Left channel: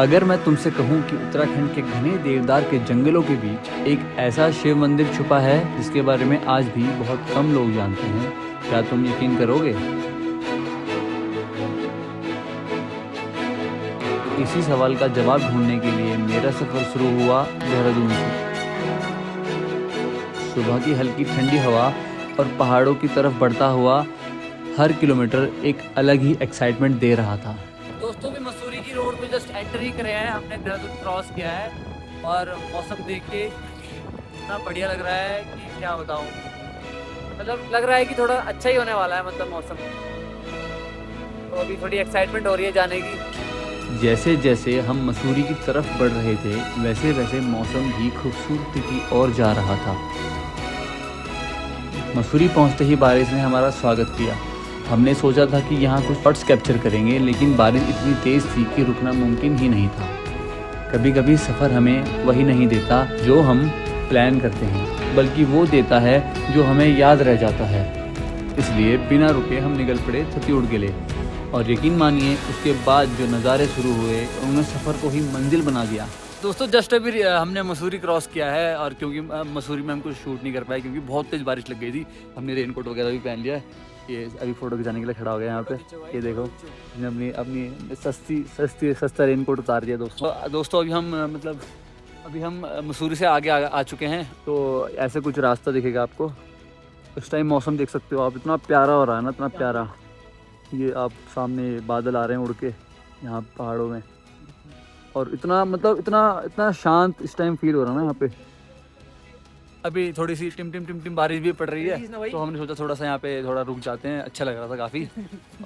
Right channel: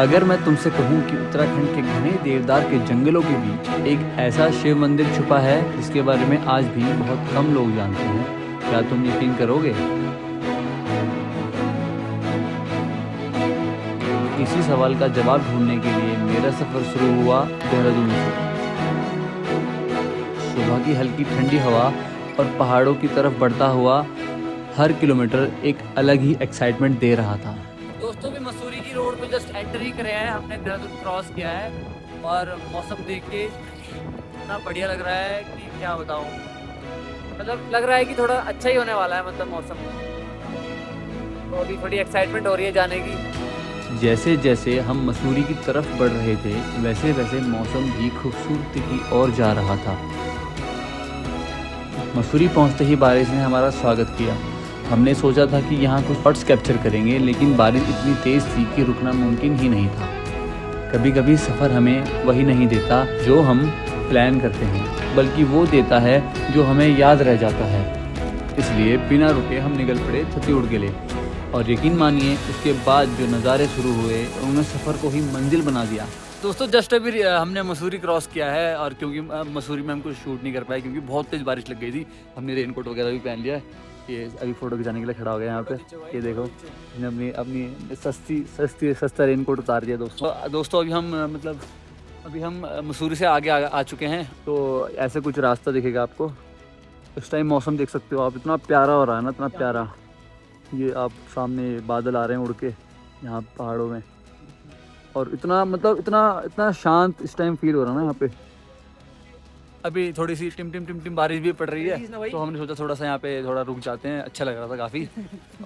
अगर मैं तुमसे कहूं कि उत्तराखंड के घने देवदार के जंगलों के बीच एक ऐसा शिव मंदिर छुपा है जिसके बारे में आज भी बहुत कम लोग जानते हैं, क्या तुम यकीन करोगे? इसी सवाल का जवाब ढूंढने के लिए मेरा सफर शुरू हुआ देहरादून से। सुबह की हल्की ठंडी हवा और पहाड़ों की तरफ बढ़ता हुआ हर किलोमीटर एक अलग ही एक्साइटमेंट दे रहा था। दोस्तों, भी मसूरी की रोड पे जस्ट एंटर ही करे हैं, हमने देहरादून क्रॉस किया है और मौसम देख के इतना बढ़िया लग रहा है कि क्या बताऊं। मतलब लग रहा है कि थोड़ा अच्छा ही होने वाला है, मतलब मौसम। तो अभी थोड़ी एक्साइटमेंट हो रही है जाने की। जैसे जैसे हम मसूरी की तरफ बढ़ रहे थे वैसे वैसे मौसम भी खूबसूरती की ओर जा रहा था। मसूरी पहुंचते ही बारिश ने हमारा स्वागत किया। हमने सोचा था कि यहाँ कुछ शॉट्स कैप्चर करेंगे, लेकिन बारिश इतनी तेज़ थी कि रुकना मुमकिन ही नहीं था। कभी कभी सफ़र हमें वही नहीं देता जो हम प्लान करते हैं, बल्कि वो देता है जो हमें याद रह जाता है। इसलिए बिना रुके हम निकल पड़े छत्तीसगढ़ के लिए, और यकीन मानिए उसके बाद जो नज़ारे शुरू हुए उन्होंने सफ़र को ही मंजिल बना दिया। दोस्तों, जस्ट अभी हमने मसूरी क्रॉस किया है, और क्योंकि मसूरी में हम कुछ शूट नहीं कर पाए क्योंकि बहुत तेज़ बारिश लग गई थी। हमने रेनकोट वगैरह भी पहन लिया है। ये अभी फ़ोटो खिंचाने के लिए खड़ा हो गया यहाँ पे। ये देखो, हमने अपनी सस्ता रेनकोट उतार दिया। दोस्तों अभी हम मसूरी से आगे आ चुके हैं। तो ऐसे कुछ रास्ता दिखेगा आपको। इस टाइम मौसम देख सकते हो आप, इतना प्यारा हो रहा है ना, इतना प्यारा। ये आप सामने बादल आ रहे हैं उड़ के यहाँ पहाड़ों में, और इतना शांत इस टाइम फील हो रहा है ना यहाँ पे। अभी थोड़ी सी टिम टिम बारिश भी पड़ रही है, तो हमने सोचा थोड़ा सा यहाँ पे थोड़ा रुक जाते हैं, अच्छा लग रहा था काफ़ी।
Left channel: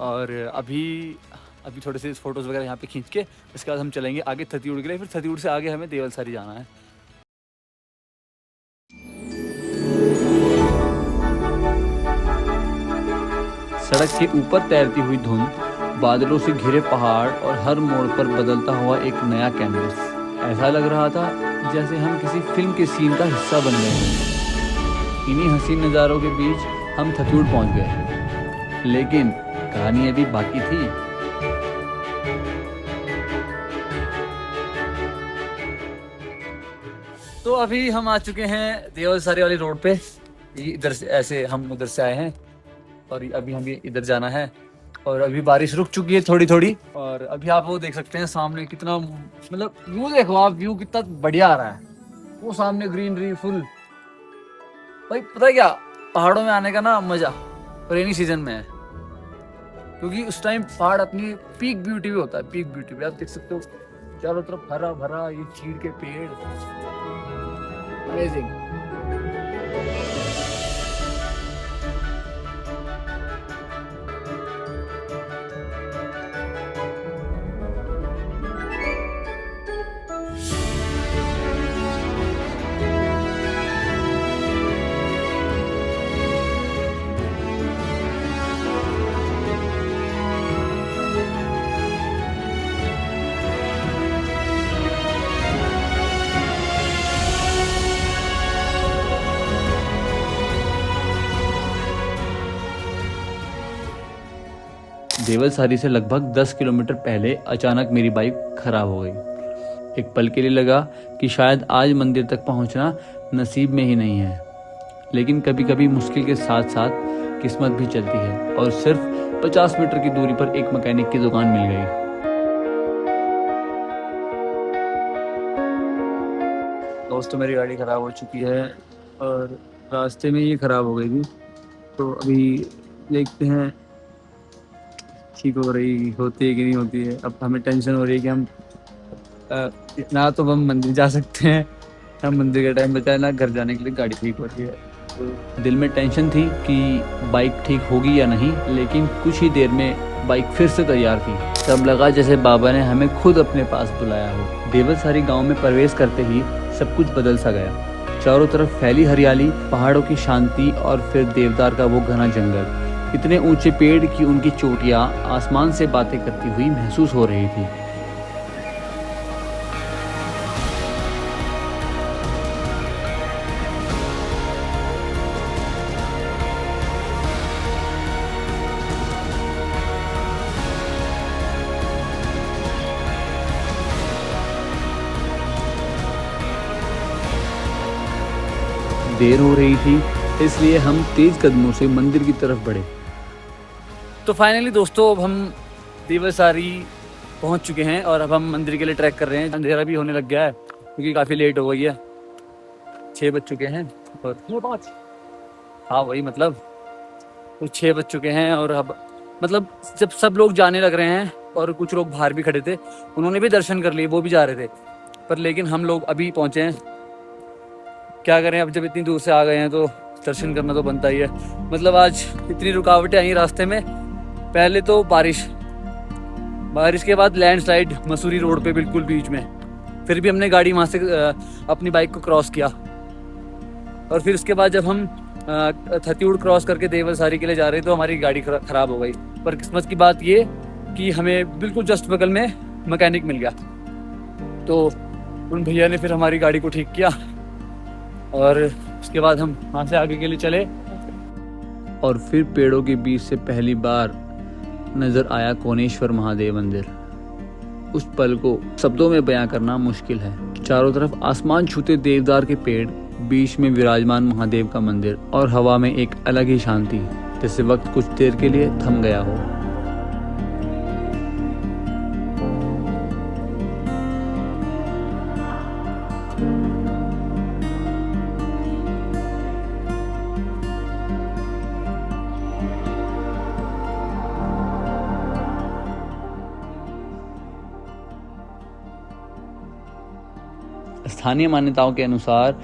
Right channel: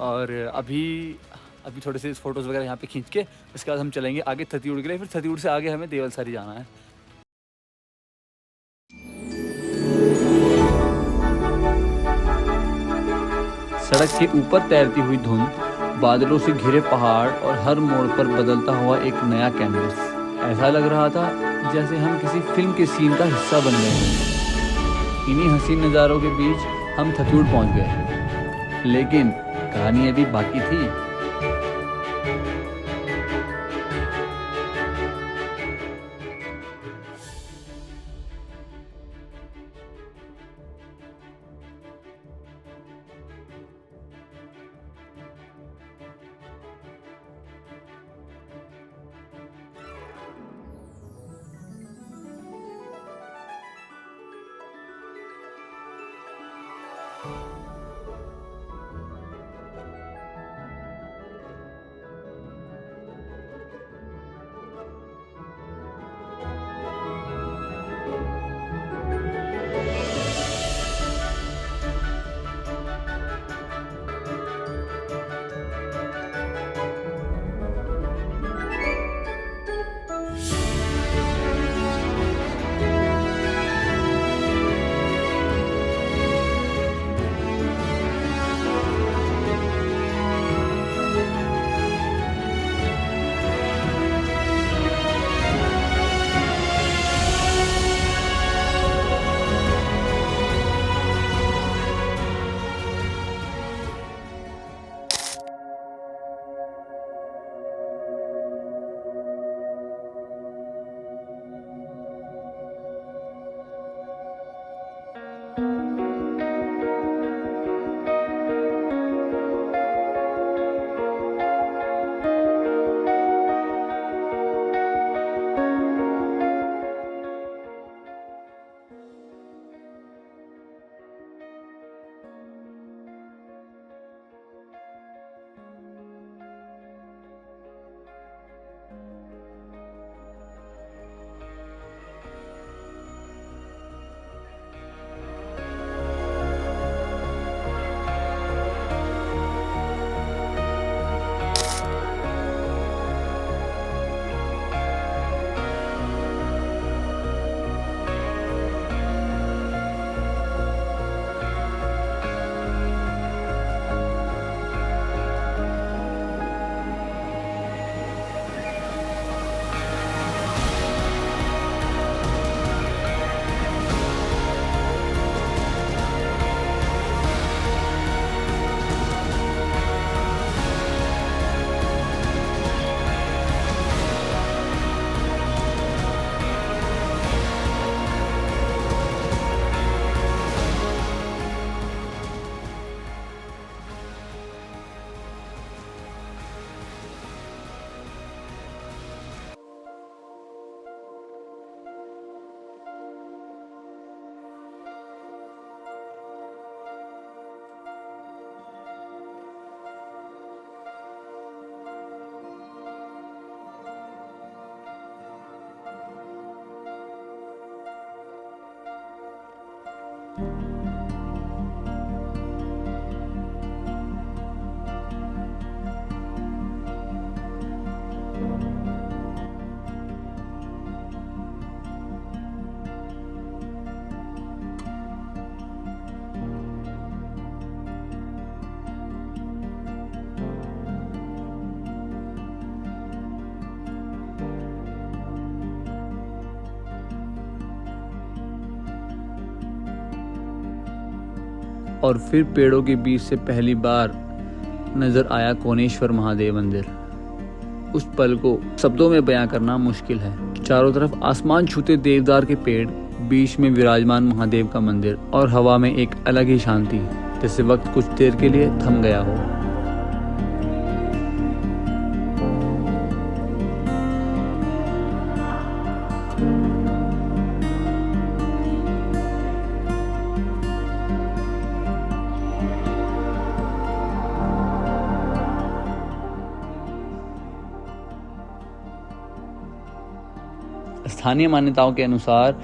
और अभी थोड़े से फोटोज़ वगैरह यहाँ पे खींच के उसके बाद हम चलेंगे आगे छत्तीसगढ़ के लिए। फिर छत्तीसगढ़ से आगे हमें देवलसारी जाना है। सड़क के ऊपर तैरती हुई धुंध, बादलों से घिरे पहाड़ और हर मोड़ पर बदलता हुआ एक नया कैनवस। ऐसा लग रहा था जैसे हम किसी फिल्म के सीन का हिस्सा बन गए हैं। इन्हीं हसीन नज़ारों के बीच हम छत्तीसगढ़ पहुंच गए, लेकिन कहानी अभी बाकी थी। तो अभी हम आ चुके हैं देवलसारी वाली रोड पे। इधर से ऐसे हम उधर से आए हैं, और अभी हमें इधर जाना है। और अभी बारिश रुक चुकी है थोड़ी थोड़ी, और अभी आप वो देख सकते हैं सामने कितना, मतलब व्यू देखो आप, व्यू कितना बढ़िया आ रहा है। वो सामने ग्रीनरी फुल। भाई पता है क्या, पहाड़ों में आने का ना मजा रेनी सीजन में है, क्योंकि उस टाइम पहाड़ अपनी पीक ब्यूटी भी होता है। पीक ब्यूटी भी आप देख सकते हो, चारों तरफ हरा भरा ये चीड़ के पेड़। देवलसारी से लगभग 10 किलोमीटर पहले अचानक मेरी बाइक खराब हो गई। एक पल के लिए लगा कि शायद आज मंदिर तक पहुंचना नसीब में ही नहीं है, लेकिन कभी कभी मुश्किल के साथ साथ किस्मत भी चलती है, और सिर्फ 50 मीटर की दूरी पर एक मैकेनिक की दुकान मिल गई। दोस्तों, मेरी गाड़ी ख़राब हो चुकी है और रास्ते में ये ख़राब हो गई थी, तो अभी देखते हैं ठीक होती है कि नहीं होती है। अब हमें टेंशन हो रही है कि हम ना तो हम मंदिर जा सकते हैं, ना मंदिर का टाइम बचा है, ना घर जाने के लिए गाड़ी ठीक होती है। तो दिल में टेंशन थी कि बाइक ठीक होगी या नहीं, लेकिन कुछ ही देर में बाइक फिर से तैयार थी। तब लगा जैसे बाबा ने हमें खुद अपने पास बुलाया है। देवलसारी गांव में प्रवेश करते ही सब कुछ बदल सा गया। चारों तरफ फैली हरियाली, पहाड़ों की शांति, और फिर देवदार का वो घना जंगल। इतने ऊंचे पेड़ कि उनकी चोटियां आसमान से बातें करती हुई महसूस हो रही थी। देर हो रही थी, इसलिए हम तेज कदमों से मंदिर की तरफ बढ़े। तो फाइनली दोस्तों अब हम देवसारी पहुंच चुके हैं और अब हम मंदिर के लिए ट्रैक कर रहे हैं। अंधेरा भी होने लग गया है क्योंकि काफ़ी लेट हो गई है, 6 बज चुके हैं और हाँ वही मतलब तो 6 बज चुके हैं। और अब मतलब जब सब लोग जाने लग रहे हैं और कुछ लोग बाहर भी खड़े थे, उन्होंने भी दर्शन कर लिए, वो भी जा रहे थे, पर लेकिन हम लोग अभी पहुँचे हैं। क्या करें, अब जब इतनी दूर से आ गए हैं तो दर्शन करना तो बनता ही है। मतलब आज इतनी रुकावटें आई रास्ते में, पहले तो बारिश के बाद लैंडस्लाइड मसूरी रोड पे बिल्कुल बीच में, फिर भी हमने गाड़ी वहाँ से अपनी बाइक को क्रॉस किया। और फिर उसके बाद जब हम थत्यूड़ क्रॉस करके देवसारी के लिए जा रहे थे तो हमारी गाड़ी ख़राब हो गई। पर किस्मत की बात ये कि हमें बिल्कुल जस्ट बगल में मैकेनिक मिल गया, तो उन भैया ने फिर हमारी गाड़ी को ठीक किया और उसके बाद हम वहाँ से आगे के लिए चले। और फिर पेड़ों के बीच से पहली बार नज़र आया कोनेश्वर महादेव मंदिर। उस पल को शब्दों में बयां करना मुश्किल है। चारों तरफ आसमान छूते देवदार के पेड़, बीच में विराजमान महादेव का मंदिर और हवा में एक अलग ही शांति, जैसे वक्त कुछ देर के लिए थम गया हो। स्थानीय मान्यताओं के अनुसार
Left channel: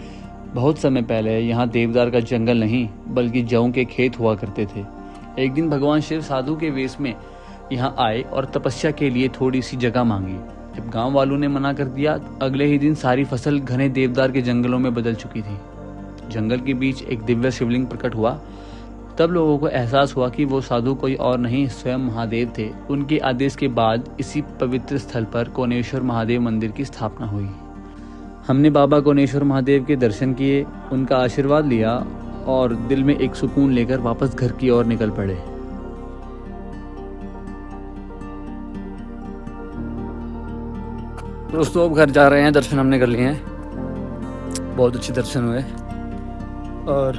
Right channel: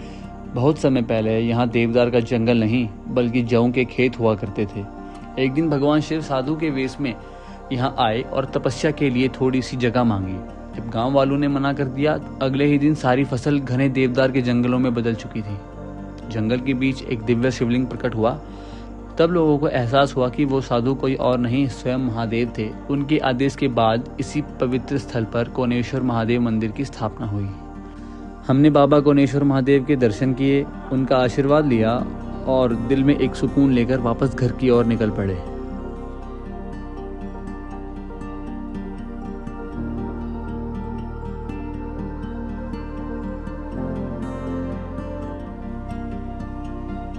बहुत समय पहले यहाँ देवदार का जंगल नहीं बल्कि जौ के खेत हुआ करते थे। एक दिन भगवान शिव साधु के वेश में यहाँ आए और तपस्या के लिए थोड़ी सी जगह मांगी। जब गांव वालों ने मना कर दिया, अगले ही दिन सारी फसल घने देवदार के जंगलों में बदल चुकी थी। जंगल के बीच एक दिव्य शिवलिंग प्रकट हुआ। तब लोगों को एहसास हुआ कि वो साधु कोई और नहीं, स्वयं महादेव थे। उनके आदेश के बाद इसी पवित्र स्थल पर कोनेश्वर महादेव मंदिर की स्थापना हुई। हमने बाबा कोनेश्वर महादेव के दर्शन किए, उनका आशीर्वाद लिया और दिल में एक सुकून लेकर वापस घर की ओर निकल पड़े। दोस्तों अब घर जा रहे हैं, दर्शन हमने कर लिए हैं, बहुत अच्छे दर्शन हुए और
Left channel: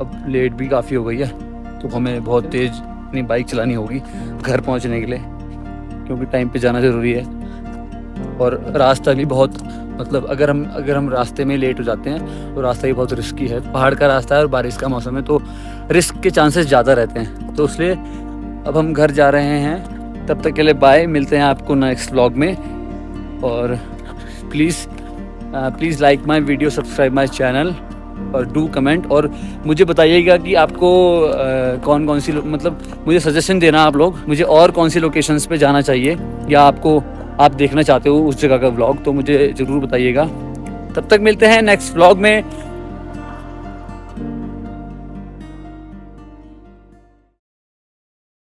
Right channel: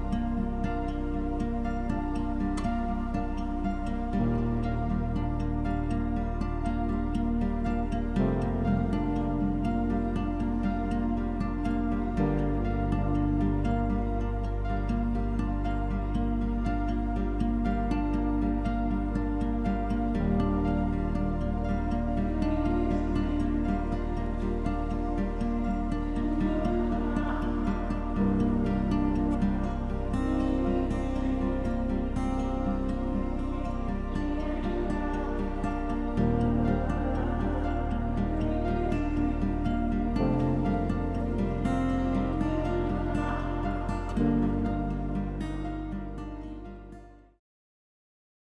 अब लेट भी काफ़ी हो गई है, तो हमें बहुत तेज़ अपनी बाइक चलानी होगी घर पहुंचने के लिए, क्योंकि टाइम पे जाना ज़रूरी है। और रास्ता भी बहुत मतलब अगर हम रास्ते में लेट हो जाते हैं तो रास्ता भी बहुत रिस्की है, पहाड़ का रास्ता है और बारिश का मौसम है, तो रिस्क के चांसेस ज़्यादा रहते हैं। तो इसलिए अब हम घर जा रहे हैं। तब तक के लिए बाय, मिलते हैं आपको नेक्स्ट व्लॉग में। और please like my video, subscribe my channel और डू कमेंट। और मुझे बताइएगा कि आपको कौन सी मतलब मुझे सजेशन देना आप लोग, मुझे और कौन सी लोकेशंस पे जाना चाहिए या आप देखना चाहते हो उस जगह का व्लॉग, तो मुझे ज़रूर बताइएगा। तब तक मिलते हैं नेक्स्ट व्लॉग में।